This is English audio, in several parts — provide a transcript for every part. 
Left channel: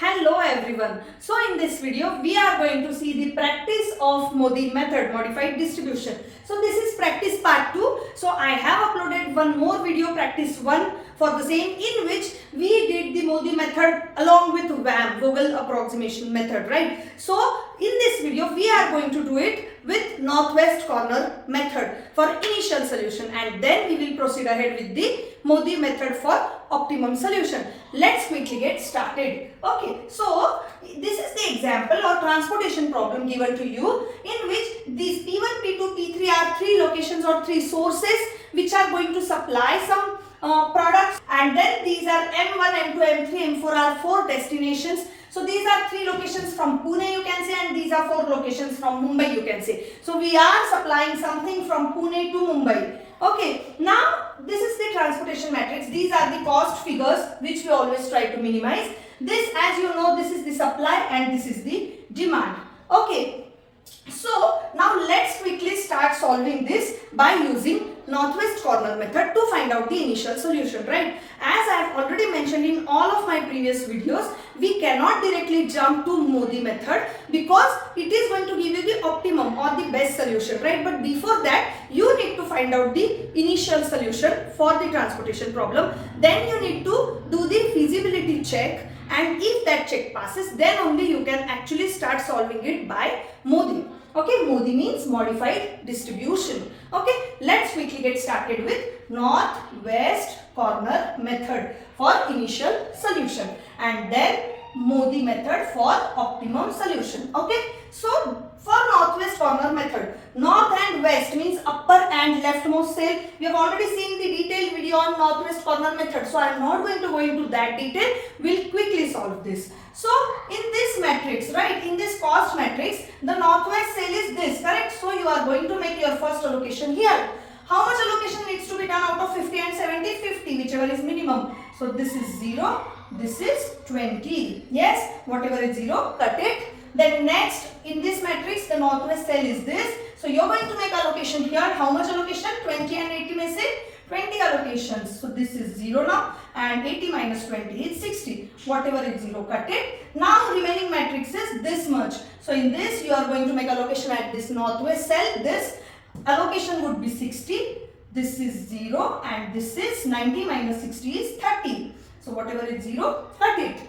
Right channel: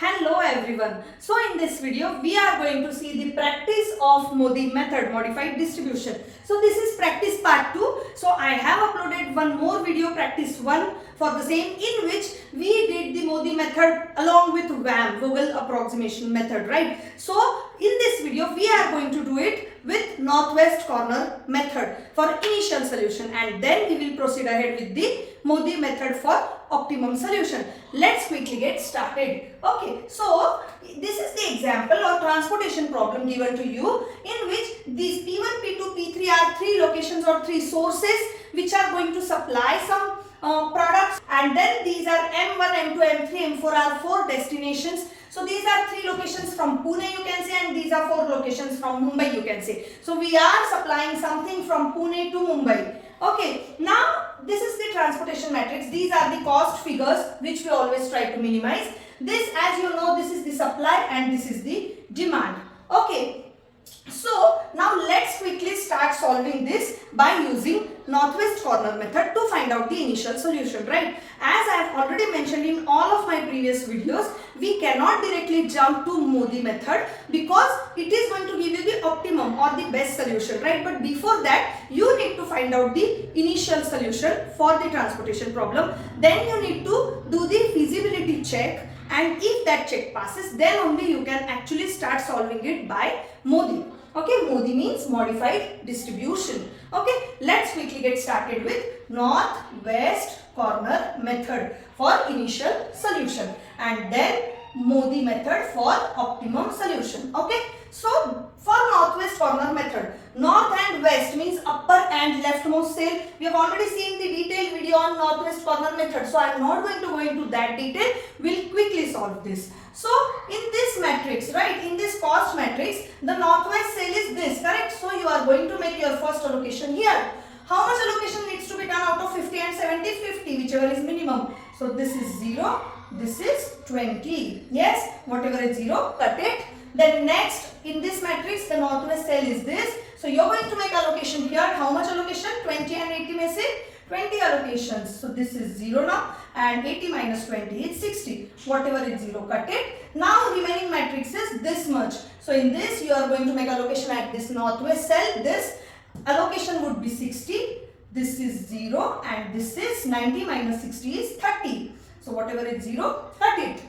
Hello everyone. So in this video we are going to see the practice of MODI method, modified distribution. So this is practice part 2. So I have uploaded one more video, practice 1 for the same, in which we did the MODI method along with VAM, vowel approximation method, right? So in this video we are going to do it with northwest corner method for initial solution, and then we will proceed ahead with the MODI method for optimum solution. Let's quickly get started. Okay, so this is the example or transportation problem given to you, in which these P1, P2, P3 are three locations or three sources which are going to supply some products, and then these are M1, M2, M3, M4 are four destinations. So these are three locations from Pune, you can say, and these are four locations from Mumbai, you can say. So we are supplying something from Pune to Mumbai. Okay, now this is the transportation matrix. These are the cost figures which we always try to minimize. This, as you know, this is the supply and this is the demand. Okay, so now let's quickly start solving this by using northwest corner method to find out the initial solution, right? As I have already mentioned in all of my previous videos, we cannot directly jump to MODI method because it is going to give you the optimum or the best solution, right? But before that, you need to find out the initial solution for the transportation problem. Then you need to do the feasibility check, and if that check passes, then only you can actually start solving it by MODI. Okay, MODI means modified distribution. Okay, let's quickly get started with northwest corner method for initial solution, and then MODI method for optimum solution. Okay, so for northwest corner method, north and west means upper and leftmost cell. We have already seen the detailed video on northwest corner method, so I am not going to go into that detail. We'll quickly solve this. So in this matrix, right, in this cost matrix, the northwest cell is this, correct? So you are going to make your first allocation here. How much allocation needs to be done out of 50 and 70? 50, whichever is minimum. So this is 0, this is 20. Yes, whatever is 0, cut it. Then next, in this matrix, the northwest cell is this. So you're going to make allocation here. How much allocation? 20 and 80 may say 20 allocations. So this is 0 now, and 80 minus 20 is 60. Whatever is 0, cut it. Now remaining matrix is this much. So in this, you are going to make allocation at this northwest cell. This allocation would be 60. This is 0, and this is 90 minus 60 is 30. So whatever is 0, cut it.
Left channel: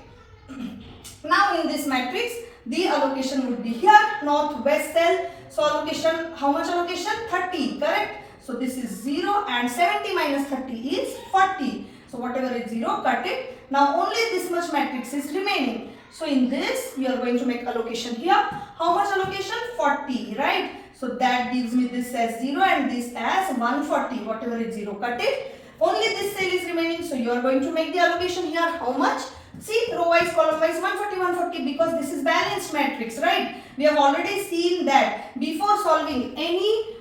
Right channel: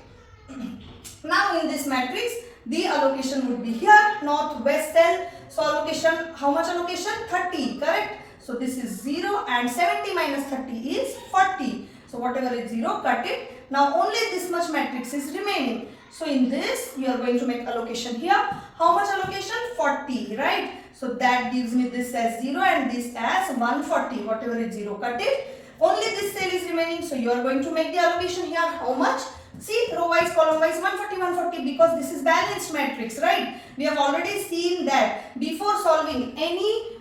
Now in this matrix, the allocation would be here, northwest cell. So allocation, how much allocation? 30, correct? So this is 0, and 70 minus 30 is 40. So whatever is 0, cut it. Now only this much matrix is remaining. So in this, we are going to make allocation here. How much allocation? 40, right? So that gives me this as 0 and this as 140. Whatever is 0, cut it. Only this cell is remaining. So you are going to make the allocation here. How much? See, row wise, column wise, 140, 140, because this is balanced matrix, right? We have already seen that before solving any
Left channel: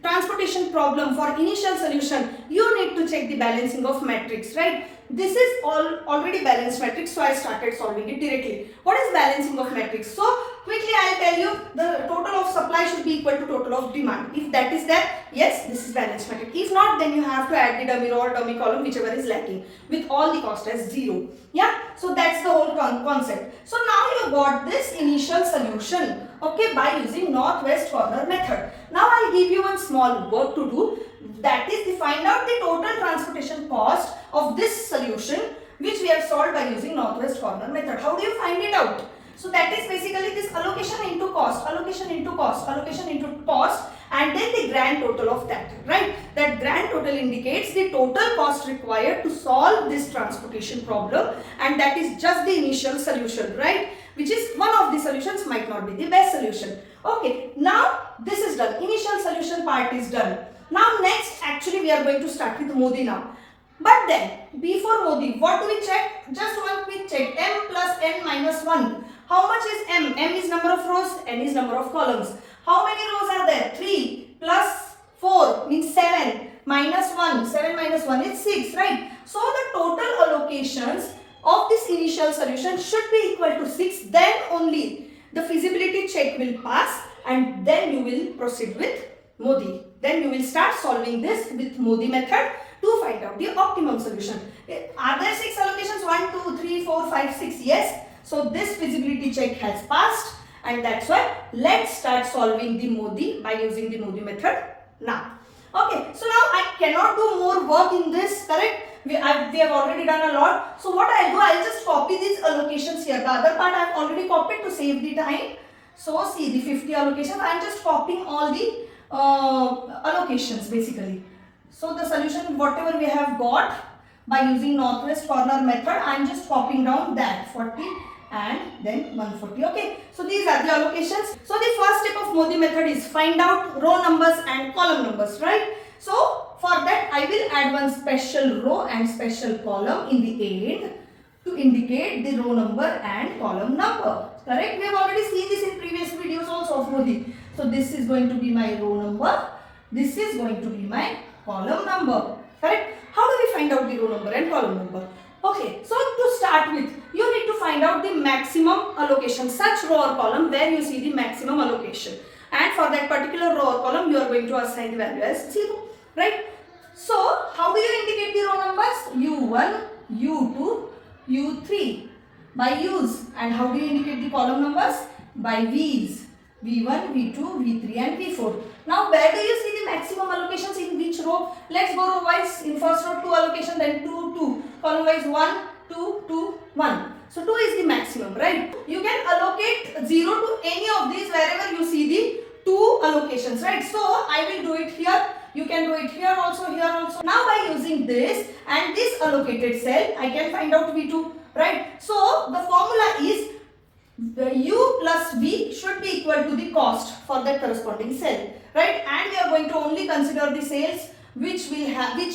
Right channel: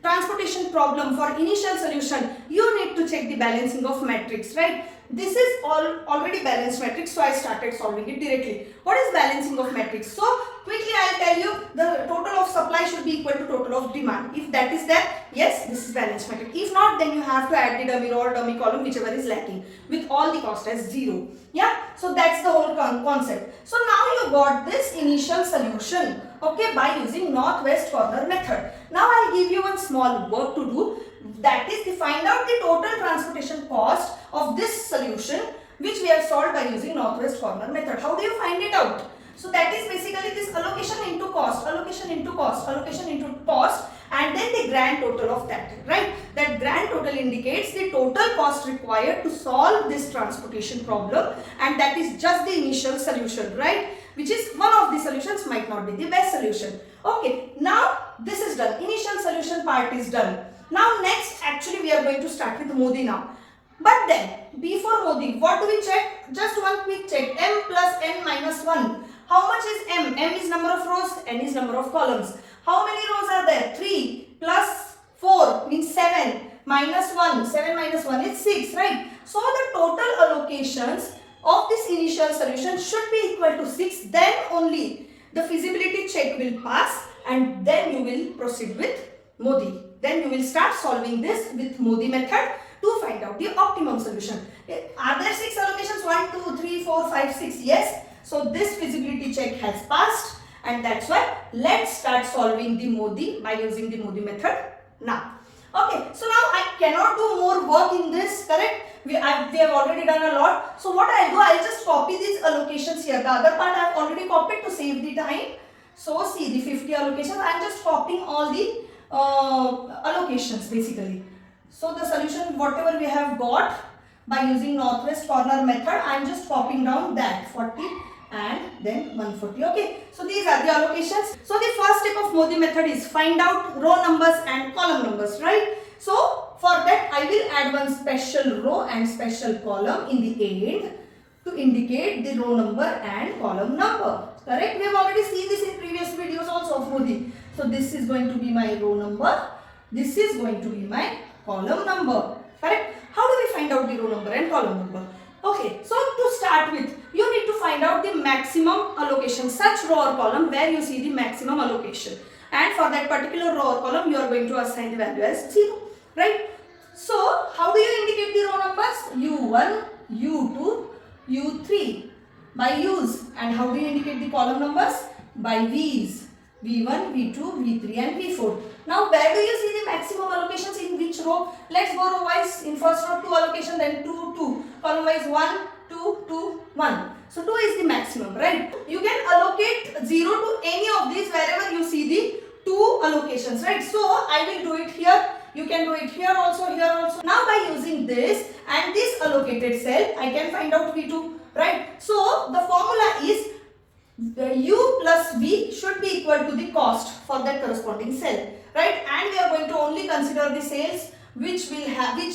transportation problem for initial solution, you need to check the balancing of matrix, right? This is already balanced matrix, so I started solving it directly. What is balancing of matrix? So quickly I will tell you, the total of supply should be equal to total of demand. If that is there, yes, this is balanced matrix. If not, then you have to add the dummy row or dummy column, whichever is lacking, with all the cost as 0. Yeah, so that's the whole concept. So now you got this initial solution, okay, by using northwest corner method. Now I'll give you one small work to do. That is to find out the total transportation cost of this solution which we have solved by using northwest corner method. How do you find it out? So that is basically this allocation into cost, allocation into cost, allocation into cost, and then the grand total of that, right? That grand total indicates the total cost required to solve this transportation problem, and that is just the initial solution, right? Which is one of the solutions, might not be the best solution. Okay, now this is done. Initial solution part is done. Now next, actually we are going to start with MODI now. But then, before MODI, what do we check? Just one quick check. M plus N minus 1. How much is M? M is number of rows, N is number of columns. How many rows are there? 3 plus 4 means 7 minus 1. 7 minus 1 is 6, right? So the total allocations of this initial solution should be equal to 6. Then only the feasibility check will pass, and then you will proceed with MODI. Then you will start solving this with MODI method to find out the optimum solution. Are there 6 allocations? 1, 2, 3, 4, 5, 6. Yes. So this feasibility check has passed, and that's why let's start solving the MODI by using the MODI method now. Okay, so now I cannot do more work in this, correct? We have already done a lot. So what I'll do, I'll just copy these allocations here. The other part I have already copied to save the time. So see the 50 allocations, I am just copying all the allocations basically. So the solution, whatever we have got by using northwest corner method, I am just copying down that 40 and then 140. Okay, so these are the allocations. So the first step of MODI method is find out row numbers and column numbers, right? So for that I will add one special row and special column in the end to indicate the row number and column number. Correct? We have already seen this in previous videos also of MODI. So this is going to be my row number. This is going to be my column number. Correct? How do we find out the row number and column number? Okay, so to start with, you need to find out the maximum allocation, such row or column where you see the maximum allocation. And for that particular row or column, you are going to assign the value as 0. Right? So, how do you indicate the row numbers? U1, U2, U3 by U's. And how do you indicate the column numbers? By V's. V1, V2, V3 and V4. Now where do you see the maximum allocations in which row? Let's go row wise. In first row 2 allocation, then 2, 2. Column wise 1, 2, 2, 1. So 2 is the maximum, right? You can allocate 0 to any of these wherever you see the 2 allocations, right? So I will do it here. You can do it here also, here also. Now by using this and this allocated cell, I can find out V2, right? So the formula is U plus V should be equal to the cost for that corresponding cell, right? And we are going to only consider the cells which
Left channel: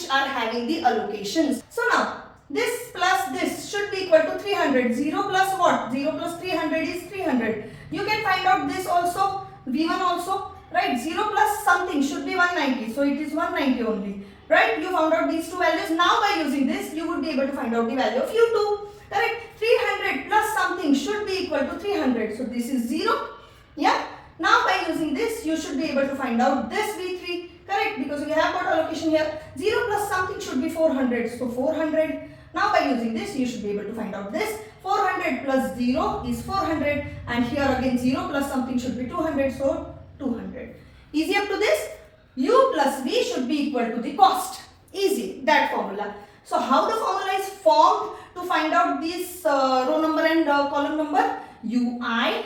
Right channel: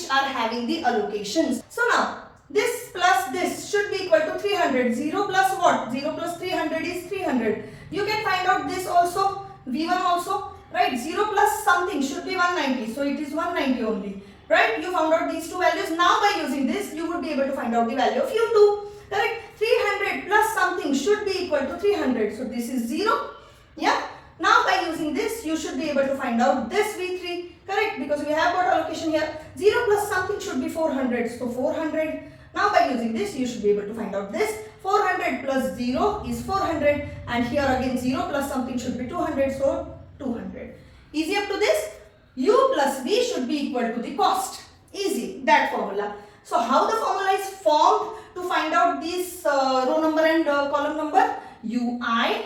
are having the allocations. So now this plus this should be equal to 300. 0 plus what? 0 plus 300 is 300. You can find out this also, V1 also, right? 0 plus something should be 190. So it is 190 only, right? You found out these two values. Now by using this, you would be able to find out the value of U2. Correct? 300 plus something should be equal to 300. So this is 0. Yeah. Now by using this, you should be able to find out this V3. Correct? Because we have got allocation here. 0 plus something should be 400. So 400. Now by using this, you should be able to find out this. 400 plus 0 is 400. And here again 0 plus something should be 200. So 200. Easy up to this? U plus V should be equal to the cost. Easy. That formula. So how the formula is formed to find out this row number and column number? Ui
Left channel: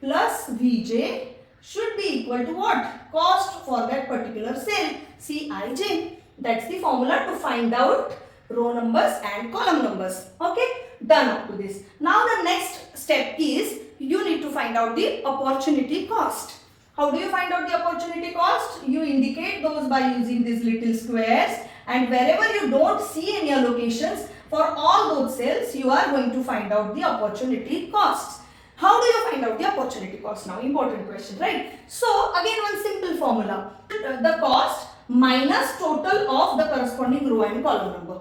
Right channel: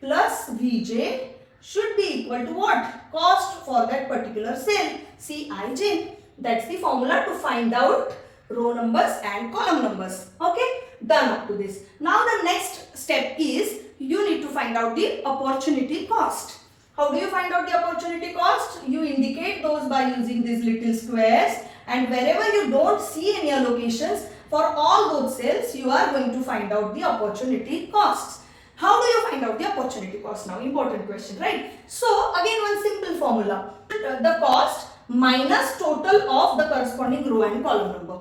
plus Vj should be equal to what? Cost for that particular cell, Cij. That's the formula to find out row numbers and column numbers. Okay, done up to this. Now the next step is you need to find out the opportunity cost. How do you find out the opportunity cost? You indicate those by using these little squares, and wherever you don't see any allocations, for all those cells, you are going to find out the opportunity costs. How do you find out the opportunity cost now? Important question, right? So, again one simple formula. The cost minus total of the corresponding row and column number,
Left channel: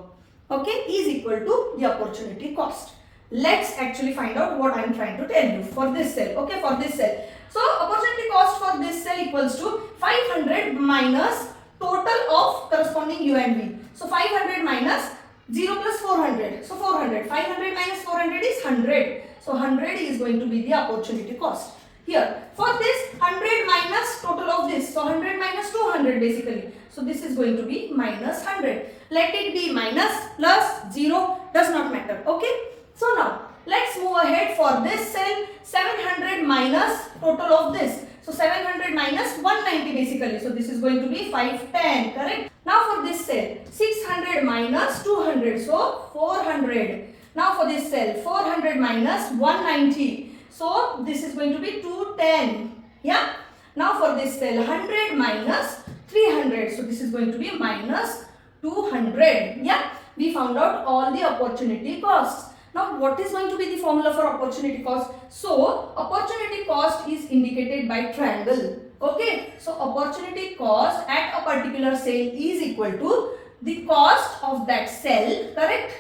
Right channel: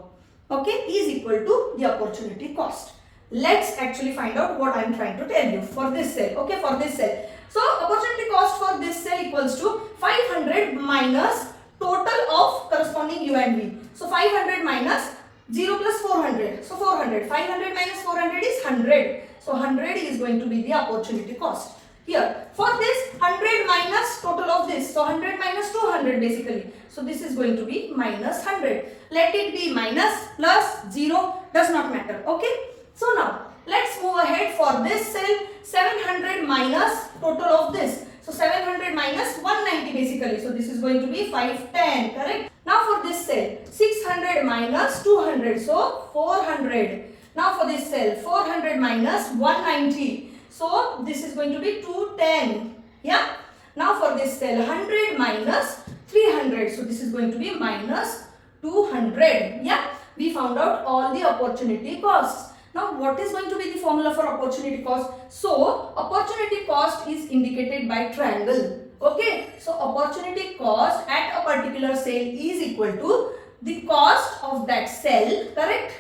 okay, is equal to the opportunity cost. Let's actually find out what I am trying to tell you for this cell, okay, for this cell. So, opportunity cost for this cell equals to 500 minus total of corresponding U and V. So 500 minus 0 plus 400. So 400. 500 minus 400 is 100. So 100 is going to be the opportunity cost. Here, for this 100 minus total of this. So 100 minus 200 basically. So this is going to be minus 100. Let it be minus, plus, 0, does not matter. Okay. So now, let's move ahead for this cell. 700 minus total of this. So 700 minus 190 basically. So this is going to be 510, correct? Now for this cell, 600 minus 200. So 400. Now for this cell, 400 minus 190. So this is going to be 210. Yeah. Now for this cell, 100 minus 300. So this is going to be minus 200. Yeah. We found out all the opportunity costs. Now, what is going to be the formula for opportunity cost? So, opportunity cost is indicated by triangle. Okay. So, opportunity cost at a particular cell is equal to the cost of that cell, correct?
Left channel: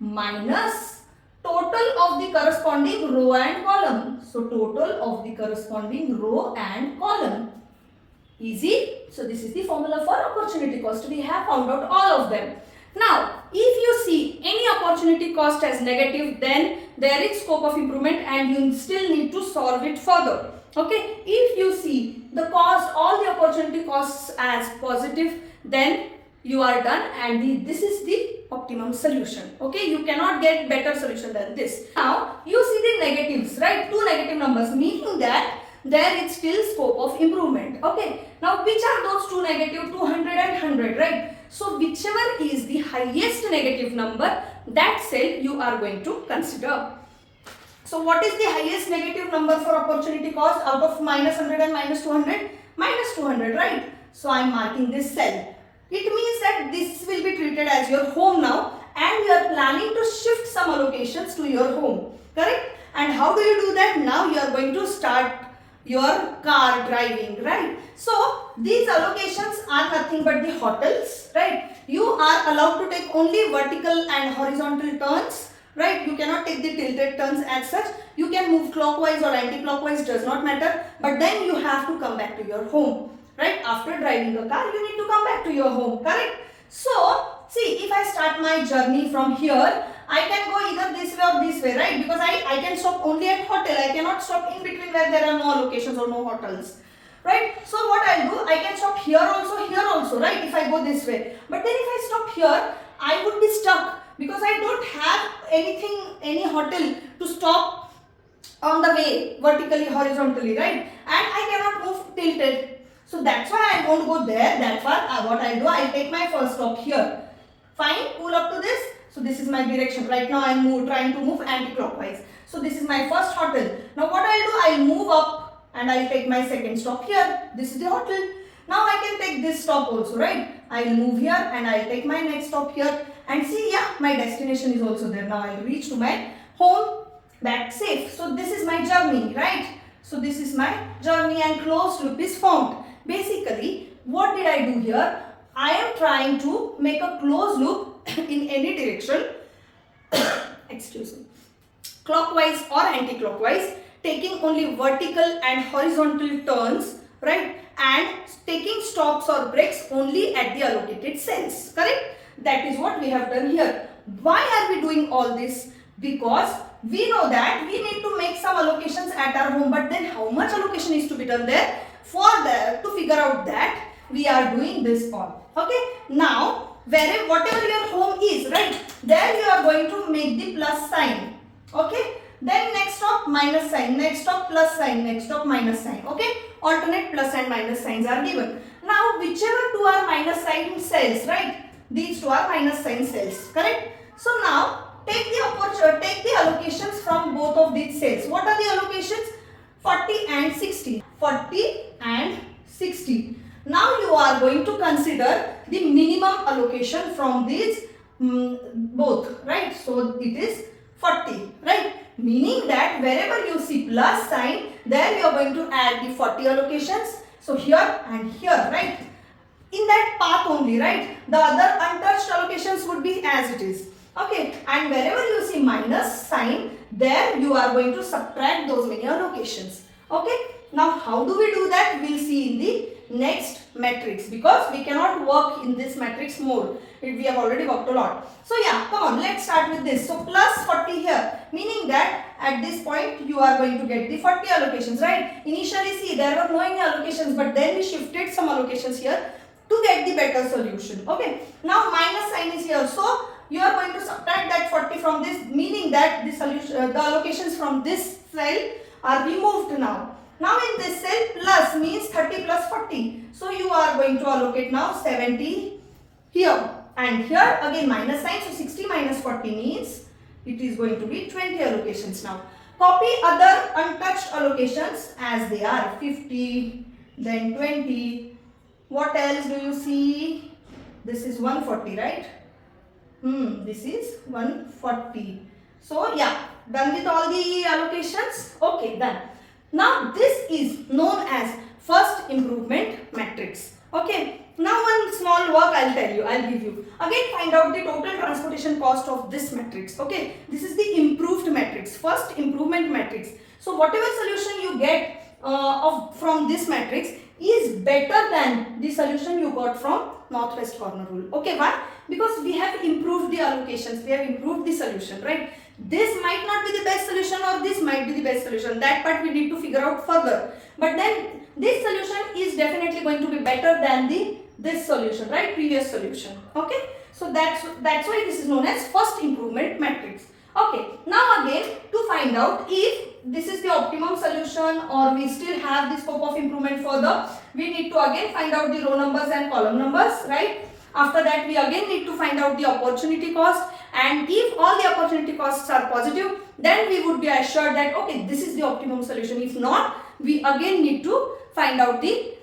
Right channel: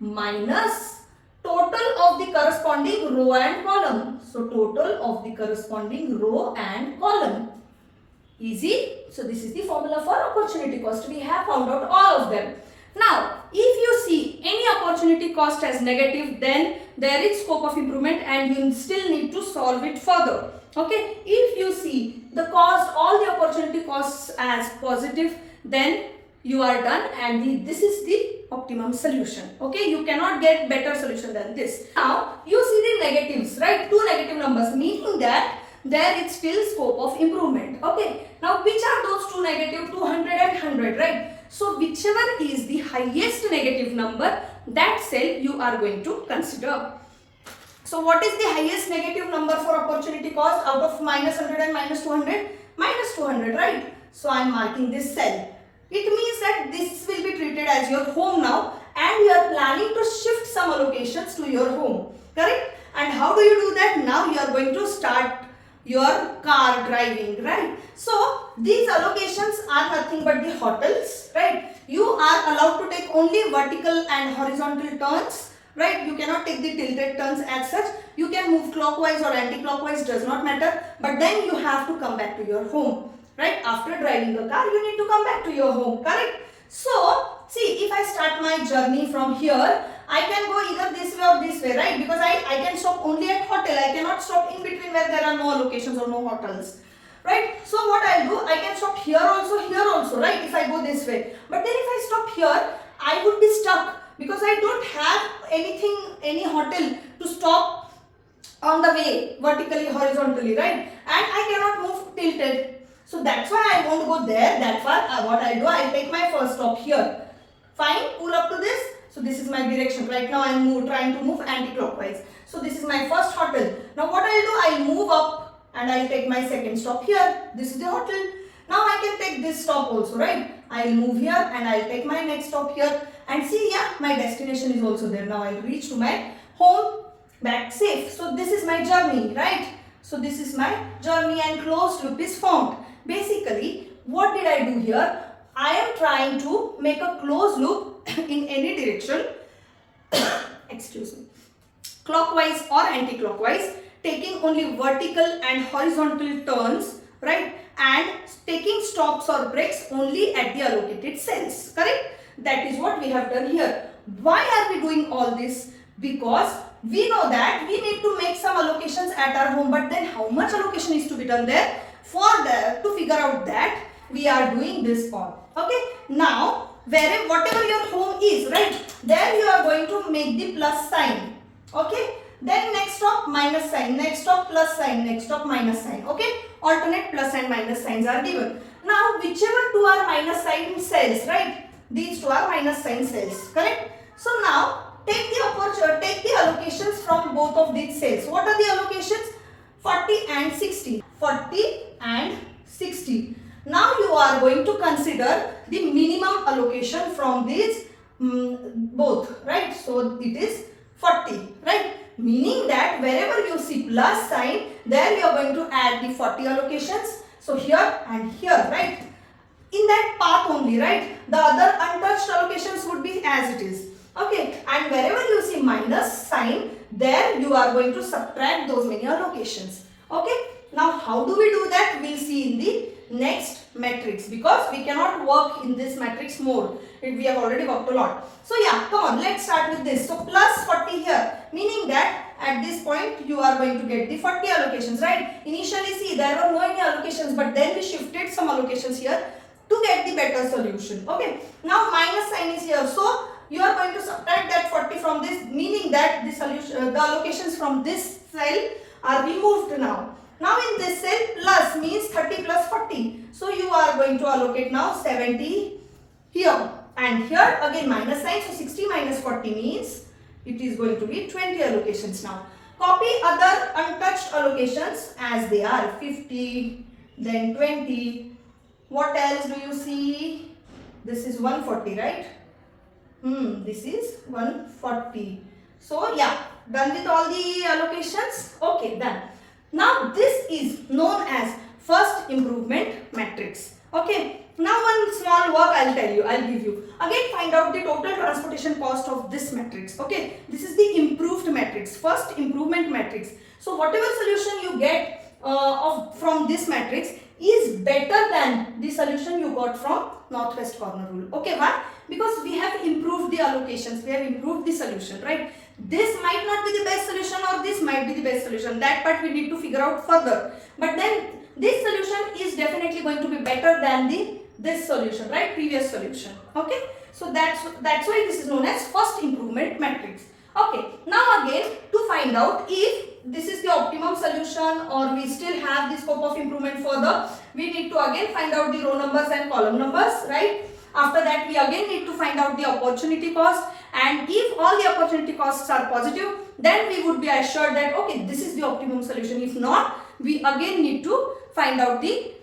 Minus total of the corresponding row and column. So, total of the corresponding row and column. Easy. So, this is the formula for opportunity cost. We have found out all of them. Now, if you see any opportunity cost as negative, then there is scope of improvement and you still need to solve it further. Okay, if you see the cost, all the opportunity costs as positive, then you are done and this is the optimum solution. Okay, you cannot get better solution than this. Now you see the negatives, right? Two negative numbers, meaning that there is still scope of improvement. Okay, now which are those two negative? 200 and 100, right? So whichever is the highest negative number, that cell you are going to consider. So what is the highest negative number for opportunity cost out of minus 100 and minus 200? Minus 200, right? So I am marking this cell. It means that this will be treated as your home now and you are planning to shift some allocations to your home, correct? And how do you do that? Now you are going to start your car driving, right? So these allocations are nothing but the hotels, right? You are allowed to take only vertical and horizontal turns, right? You cannot take the tilted turns as such. You can move clockwise or anti-clockwise, does not matter, but then you have to come back to your home, right? After driving the car, you need to come back to your home, correct? So see, if I start my journey from here, I can go either this way or this way, right? Because I can stop only at hotel. I cannot stop in between where there are no allocations or no hotels, right? So what I'll do, I can stop here also, right? If I go this way. But then if I stop here, I would be stuck because I don't have any hotel to stop on the way, vertically, horizontally, right? And I cannot move tilted. So that's why I won't go there that far. What I do, I'll take my first stop here. Fine, pull up to this. So this is my direction. Right now I am trying to move anti-clockwise. So this is my first hotel. Now what I'll do, I'll move up and I'll take my second stop here. This is the hotel. Now I can take this stop also, right? I'll move here and I'll take my next stop here. And see, yeah, my destination is also there. Now I'll reach to my home back safe. So this is my journey, right? So this is my journey and closed loop is formed. Basically, what did I do here? I am trying to make a closed loop in any direction, excuse me, clockwise or anti-clockwise, taking only vertical and horizontal turns, right? And taking stops or breaks only at the allocated cells, correct? That is what we have done here. Why are we doing all this? Because we know that we need to make some allocations at our home, but then how much allocation is to be done there? To figure out that, we are doing this all. Okay, now whatever your home is, right, there you are going to make the plus sign. Okay, then next stop minus sign, next stop plus sign, next stop minus sign. Okay, alternate plus and minus signs are given. Now whichever two are minus sign cells, right, these two are minus sign cells, correct? So now take the allocations from both of these cells. What are the allocations? 40 and 60. 40 and 60. Now you are going to consider the minimum allocation from these both, right? So it is 40, right? Meaning that wherever you see plus sign, there you are going to add the 40 allocations. So here and here, right? In that path only, right? The other untouched allocations would be as it is. Okay, and wherever you see minus sign, there you are going to subtract those many allocations. Okay, now how do we do that? We'll see in the next matrix, because we cannot work in this matrix more. We have already worked a lot. So yeah, come on, let's start with this. So plus 40 here, meaning that at this point you are going to get the 40 allocations, right? Initially see, there were no any allocations, but then we shifted some allocations here to get the better solution. Okay, now minus sign is here. So you are going to subtract that 40 from this, meaning that the solution, the allocations from this cell are removed now. Now in this cell, plus means 30 plus 40. So you are going to allocate now 70 here. And here again minus sign. So 60 minus 40 means it is going to be 20 allocations now. Copy other untouched allocations as they are. 50, then 20. What else do you see? This is 140, right? This is 140. So yeah, done with all the allocations. Okay, done. Now this is known as first improvement matrix. Okay, now one small work I'll give you. Again, find out the total transportation cost of this matrix. Okay, this is the improved matrix, first improvement matrix. So whatever solution you get from this matrix is better than the solution you got from northwest corner rule. Okay, why? Because we have improved the allocations, we have improved the solution, right? This might not be the best solution or this might be the best solution. That part we need to figure out further. But then this solution is definitely going to be better than this solution, right? Previous solution. Okay. So that's why this is known as first improvement matrix. Okay. Now again, to find out if this is the optimum solution or we still have the scope of improvement further, we need to again find out the row numbers and column numbers, right? After that, we again need to find out the opportunity cost, and if all the opportunity costs are positive, then we would be assured that okay, this is the optimum solution. If not, we again need to find out the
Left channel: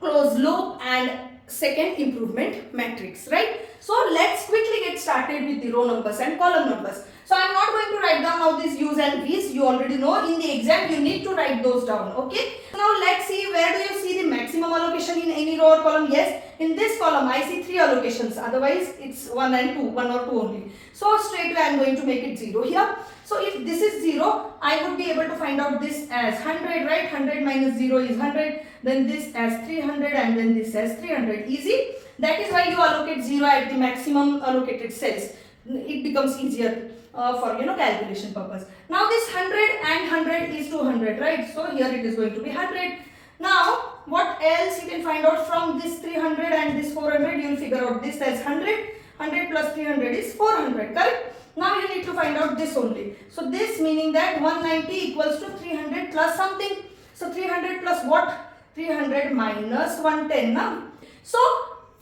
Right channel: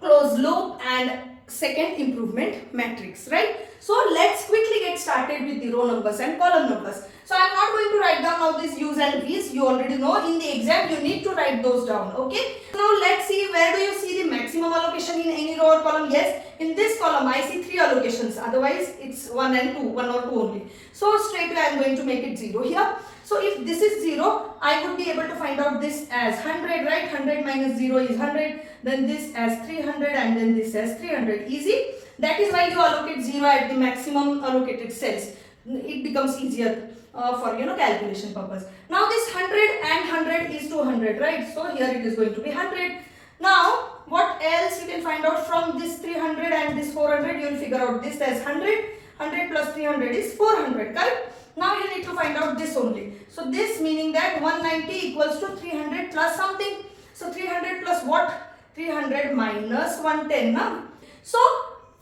closed loop and second improvement matrix, right? So let's quickly get started with the row numbers and column numbers. So I'm not going to write down now these U's and V's. You already know in the exam you need to write those down. Okay. Now let's see, where do you see the maximum allocation in any row or column? Yes, in this column I see 3 allocations. Otherwise it's 1 and 2, 1 or 2 only. So straight away I'm going to make it 0 here. So if this is 0, I would be able to find out this as 100, right? 100 minus 0 is 100. Then this as 300 and then this as 300. Easy. That is why you allocate 0 at the maximum allocated cells. It becomes easier for calculation purpose. Now this 100 and 100 is 200, right? So here it is going to be 100. Now what else you can find out from this 300 and this 400? You will figure out this as 100. 100 plus 300 is 400, correct? Now you need to find out this only. So this meaning that 190 equals to 300 plus something. So 300 plus what? 300 minus 110 now. So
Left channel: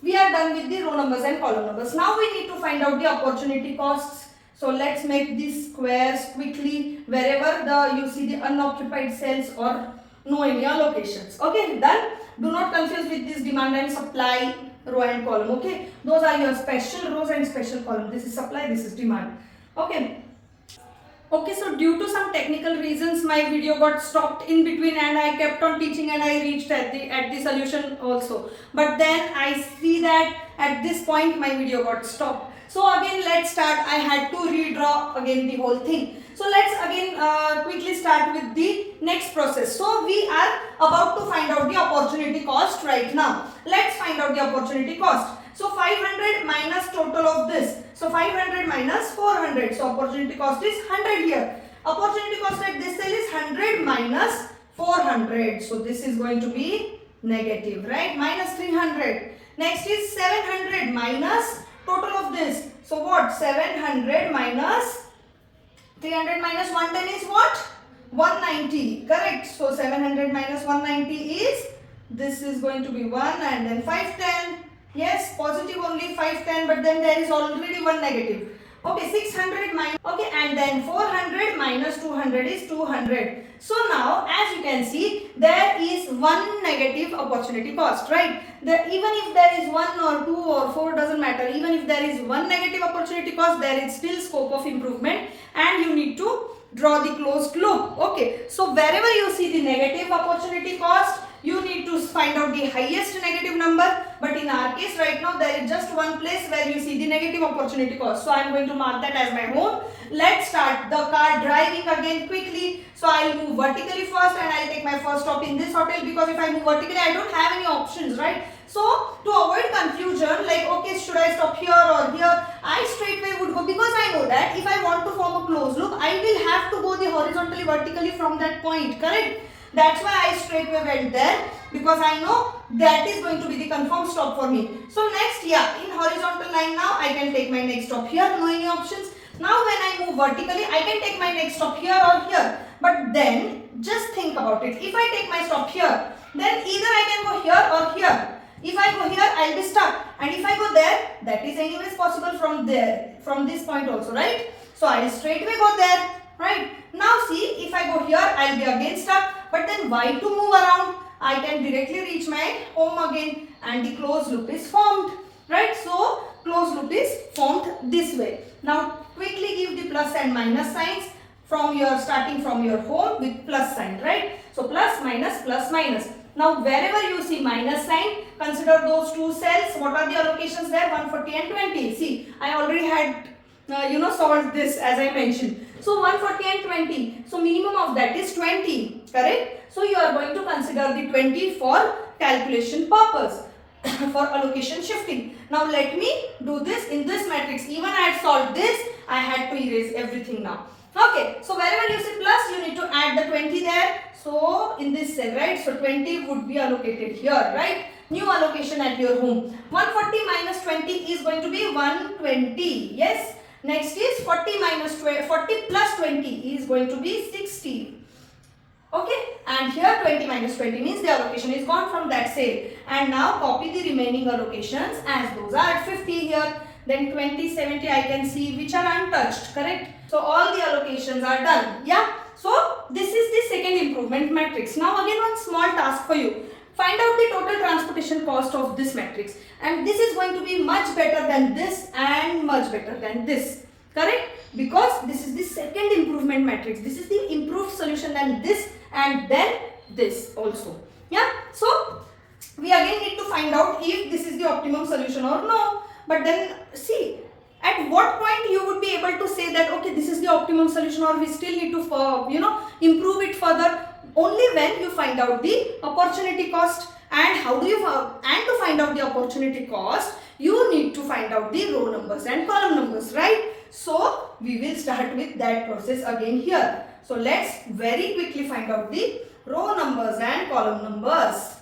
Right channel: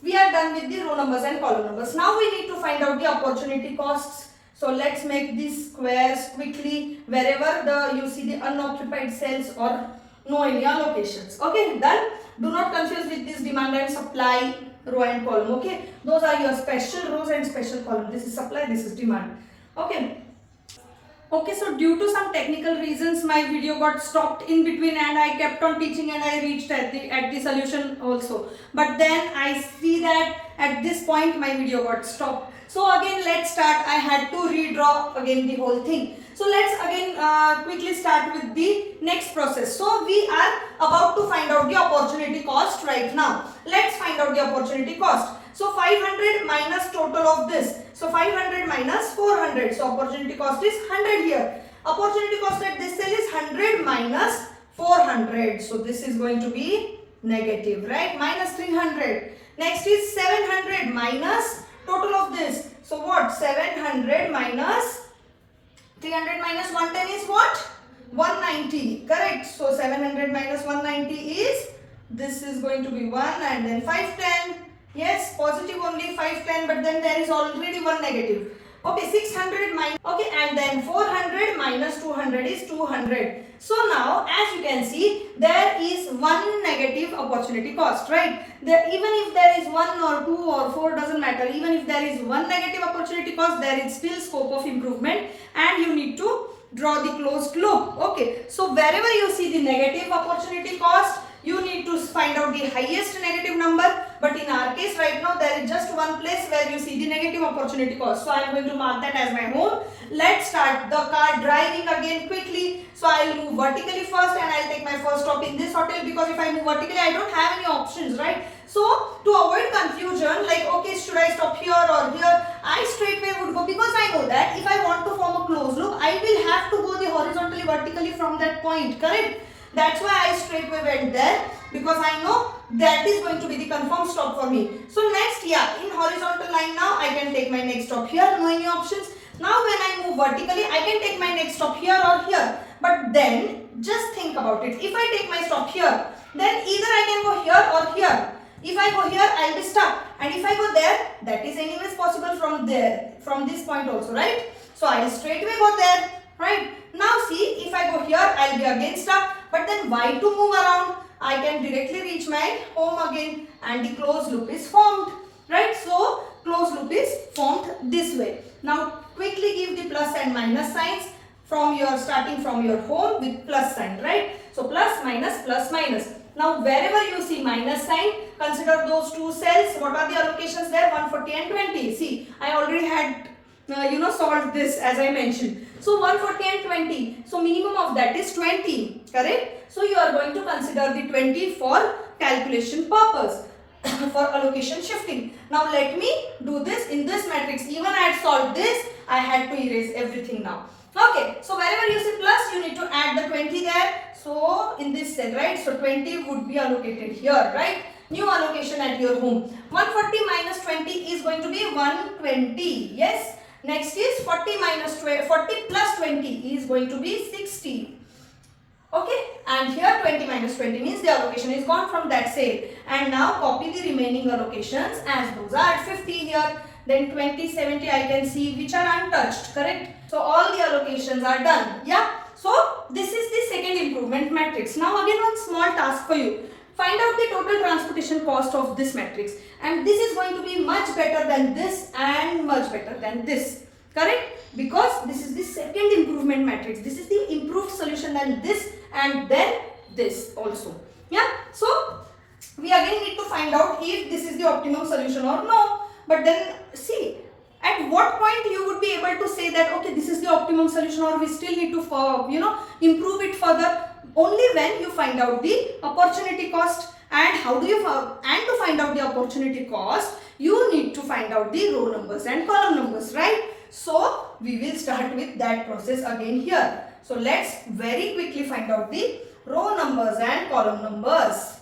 we are done with the row numbers and column numbers. Now we need to find out the opportunity costs. So let's make these squares quickly wherever you see the unoccupied cells or no any allocations. Okay, done. Do not confuse with this demand and supply row and column. Okay, those are your special rows and special column. This is supply, this is demand. Okay. Okay, so due to some technical reasons my video got stopped in between and I kept on teaching and I reached at the solution also. But then I see that at this point my video got stopped. So again let's start. I had to redraw again the whole thing. So let's again quickly start with the next process. So we are about to find out the opportunity cost right now. Let's find out the opportunity cost. So 500 minus total of this. So 500 minus 400. So opportunity cost is 100 here. Opportunity cost at this cell is 100 minus 400. So this is going to be negative, right? Minus 300. Next is 700 minus total of this. So what? 700 minus 300 minus 110 is what? 190. Correct. So 700 minus 190 is, this is going to be 1 and then 510. Yes, positive only 510, but then there is already one negative. Okay, 600 minus, okay, and then 400 minus 200 is 200. So now, as you can see, there is one negative opportunity cost, right? Even if there is 1 or 2 or 4, doesn't matter. Even if there is one negative opportunity cost, there is still scope of improvement and you need to draw the closed loop. Okay, so wherever you see the negative opportunity cost, you need to find out the highest negative number. But in our case right now there is just one place where you see the negative opportunity cost. So I am going to mark that as my home. Let's start the car driving again quickly. So I will move vertically first and I will take my first stop in this hotel, because if I move vertically I don't have any options, right? So to avoid confusion, like okay, should I stop here or here, I straightway would go, because I know that if I want to form a closed loop I will have to go the horizontally vertically from that point, correct? That's why I straightway went there, because I know that is going to be the confirmed stop for me. So next, yeah, in horizontal line now I can take my next stop here, no any options. Now when I move vertically, I can take my next stop here or here. But then just think about it. If I take my stop here, then either I can go here or here. If I go here, I'll be stuck. And if I go there, that is anyways possible from there, from this point also, right? So I'll straightway go there, right? Now see, if I go here, I'll be again stuck. But then why to move around? I can directly reach my home again and the closed loop is formed, right? So closed loop is formed this way. Now quickly give the plus and minus signs from your, starting from your home with plus sign, right? So plus minus plus minus. Now wherever you see minus sign, consider those two cells. What are the allocations there? 140 and 20. See, I already had solved this as I mentioned. So 140 and 20. So minimum of that is 20. Correct? So you are going to consider the 20 for calculation purpose. for allocation shifting. Now let me do this in this matrix. Even I had solved this, I had to erase everything now. Okay, so wherever you see plus, you need to add the 20 there. So in this cell, right? So 20 would be allocated here, right? New allocation at your home. 140 minus 20 is going to be 120. Yes. Next is 40 minus 20, 40 plus 20 is going to be 60. Okay, and here 20 minus 20 means the allocation is gone from that cell. And now copy the remaining allocations as those are 50 here. Then 20, 70 I can see which are untouched, correct? So all the allocations are done. Yeah. So this is the second improvement matrix. Now again one small task for you. Find out the total transportation cost of this matrix. And this is going to be much better than this and much better than this. Correct? Because this is the second improvement matrix. This is the improved solution than this and then this also. Yeah. So we again need to find out if this is the optimum solution or no. But then see, at what point you would be able to say that okay, this is the optimum solution, or we still need to improve it further. Only when you find out the opportunity cost. And how do you and to find out the opportunity cost, you need to find out the row numbers and column numbers, right? So we will start with that process again here. So let's very quickly find out the row numbers and column numbers.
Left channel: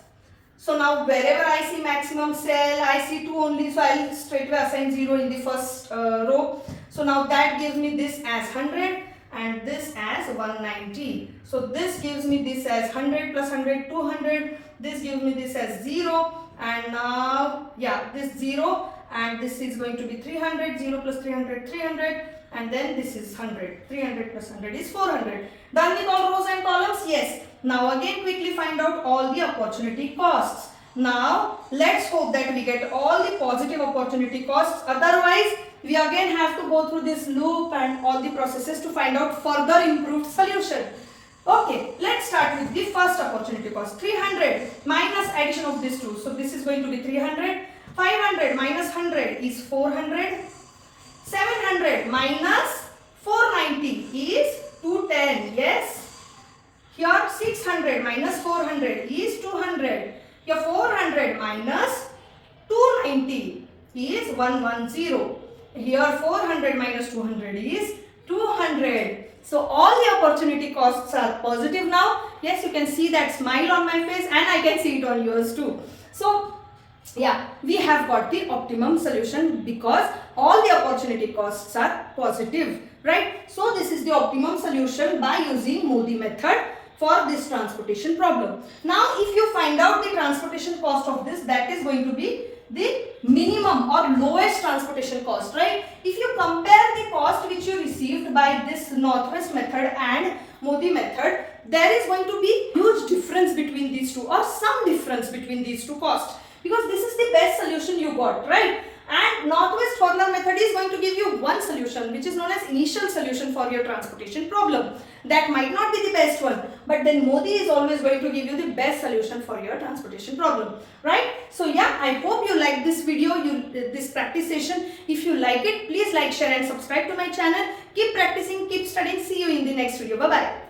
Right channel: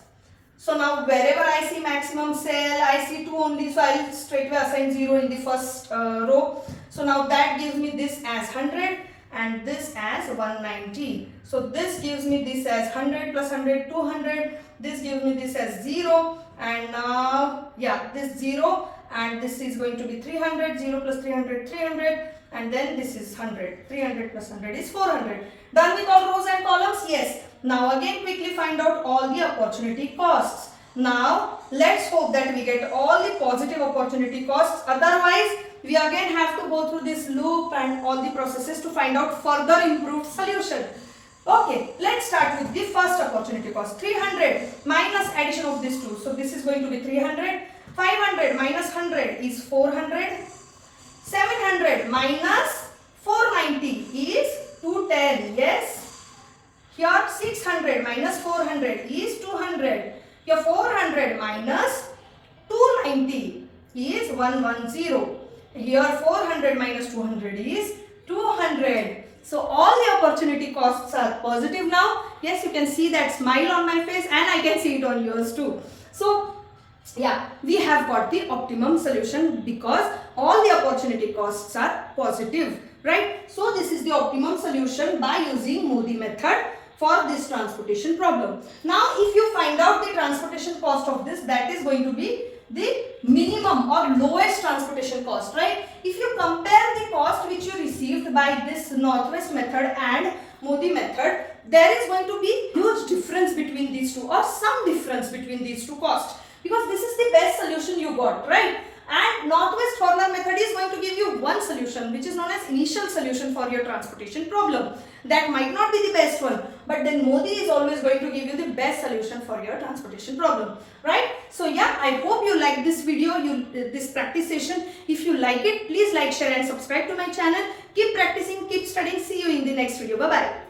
So now wherever I see maximum cell, I see 2 only, so I will straight away assign 0 in the first row. So now that gives me this as 100 and this as 190. So this gives me this as 100 plus 100, 200. This gives me this as 0. And now, yeah, this 0 and this is going to be 300, 0 plus 300, 300. And then this is 100, 300 plus 100 is 400. Done with all rows and columns? Yes. Now again quickly find out all the opportunity costs. Now let's hope that we get all the positive opportunity costs. Otherwise, we again have to go through this loop and all the processes to find out further improved solution. Okay, let's start with the first opportunity cost. 300 minus addition of these two. So this is going to be 300. 500 minus 100 is 400. 700 minus 490 is 210. Yes. Here 600 minus 400 is 200. Here 400 minus 290 is 110. Here 400 minus 200 is 200. So all the opportunity costs are positive now. Yes, you can see that smile on my face and I can see it on yours too. So yeah, we have got the optimum solution because all the opportunity costs are positive, right? So this is the optimum solution by using MODI method for this transportation problem. Now if you find out the transportation cost of this, that is going to be the minimum or lowest transportation cost, right? If you compare the cost which you received by this Northwest method and MODI method, there is going to be huge difference between these two or some difference between these two costs, because this is the best solution you got, right? And Northwest formula method is going to give you one solution which is known as initial solution for your transportation problem. That might not be the best one, but then MODI is always going to give you the best solution for your transportation problem, right? So yeah, I hope you like this video, this practice session. If you like it, please like, share and subscribe to my channel. Keep practicing, keep studying. See you in the next video. Bye-bye.